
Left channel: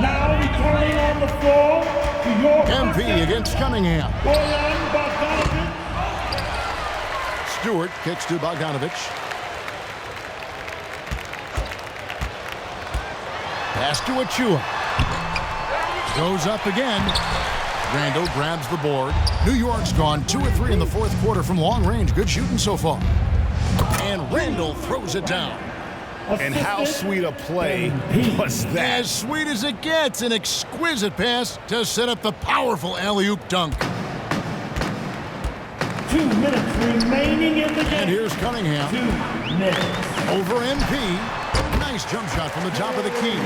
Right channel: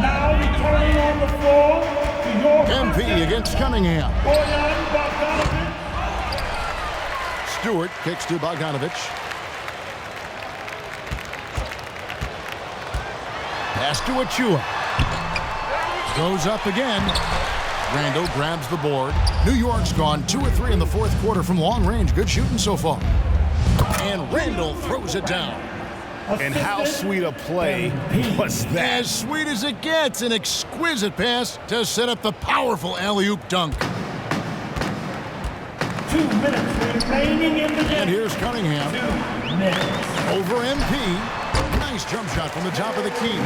Now returning on the floor to your MP against Cunningham. Bojan Bogdanovic. Stewart kicks to Bogdanovich. Pass to Achua. Goes up again. Randall grabs the board. New York's gone 2 of 3 in the fourth quarter from long range. Good shooting so far. And Randall throws it down. And how sweet a play was that? As sweet as it gets, an exquisite pass to set up the powerful alley-oop dunk. 2 minutes remaining in the game. And here's Cunningham. 2 minutes. Over MP. Nice jump shot from the top of the key.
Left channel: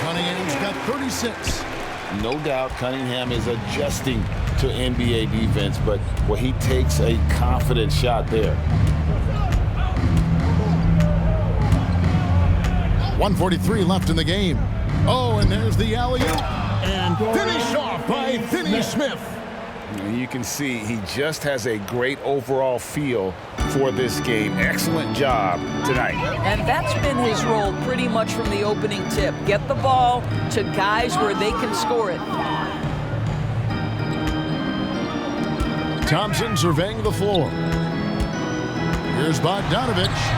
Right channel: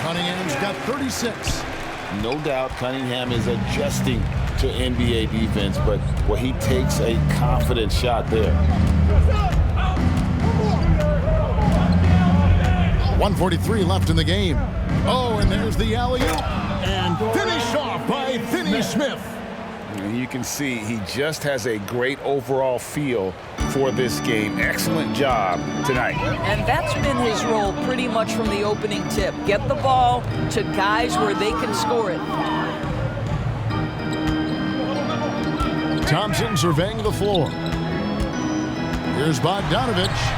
Cunningham's got 36. No doubt Cunningham is adjusting to NBA defense, but he takes a confident shot there. 1:43 left in the game. Oh, and there's the alley-oop. And finished off by Finney-Smith. You can see he just has a great overall feel for this game. Excellent job tonight. And that's been his role pretty much from the opening tip. Get the ball to guys where they can score it. Thompson surveying the floor. Here's Bogdanovich.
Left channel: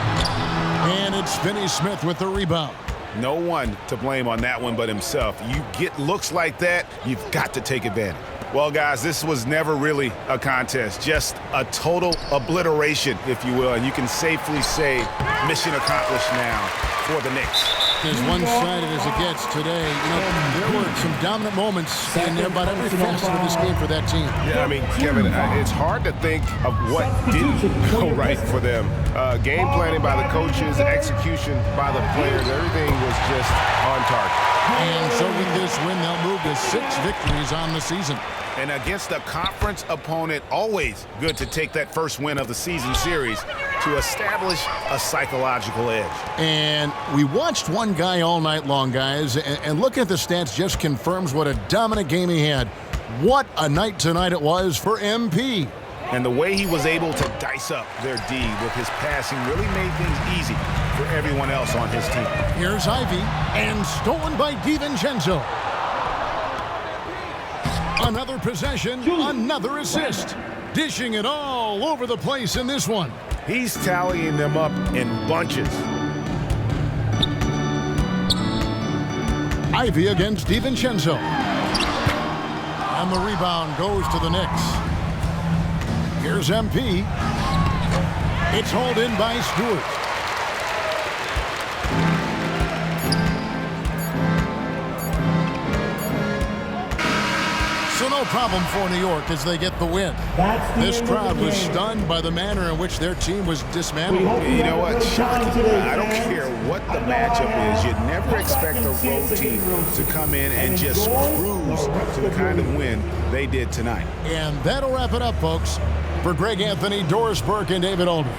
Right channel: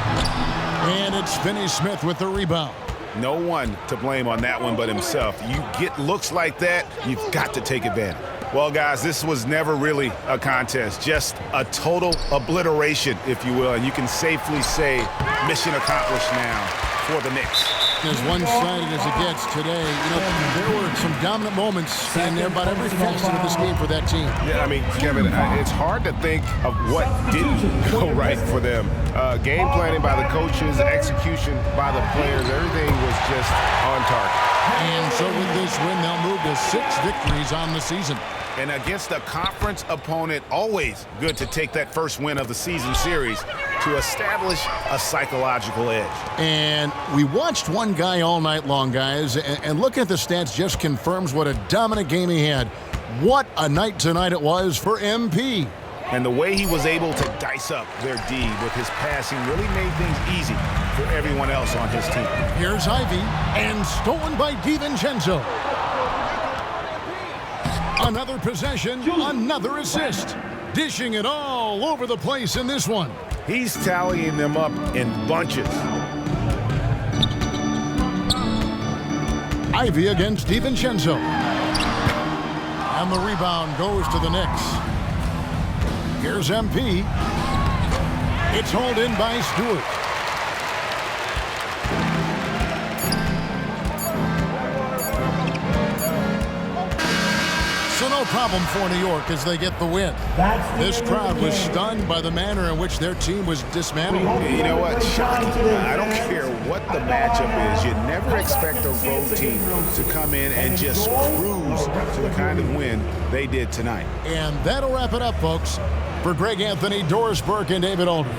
And it's Finney-Smith with the rebound. No one to blame on that one but himself. You get looks like that, you've got to take advantage. Well, guys, this was never really a contest, just a total obliteration, if you will, and you can safely say mission accomplished now for the Knicks. As one-sided as it gets today, you know, there were some dominant moments in about every facet of this game for that team. Yeah, I mean, Kevin, it's hard to think of what didn't go right for them. Game planning by the coaches, execution by the players, everything was just on target. And so with this win, they'll move to 6 victories on the season. And against a conference opponent, always good to take that first win of the season series to establish a psychological edge. And we watched one guy all night long, guys, and looking at the stats just confirms what a dominant game he had. What a night tonight it was for MP. And the way he was able to dice up their D with his passing really made things easy for everyone else on his team. Here's Ivy, and stolen by DiVincenzo. Another possession, another assist. Dishing it all over the place in this one. He's tallying them up in bunches. Ivy against DiVincenzo. And the rebound goes to the Knicks. Here's MP. It's hauled in by Stewart. So no problem for New York as they get the win. This crowd was stunned by the manner in which their team was dismantled. You know what? Shocking. I don't care what the matchup is. You never expect a road team to come in and just cruise to the kind of win they did tonight. And that'll wrap it up, folks. For Greg Anthony, Doris Burke, and David Aldridge,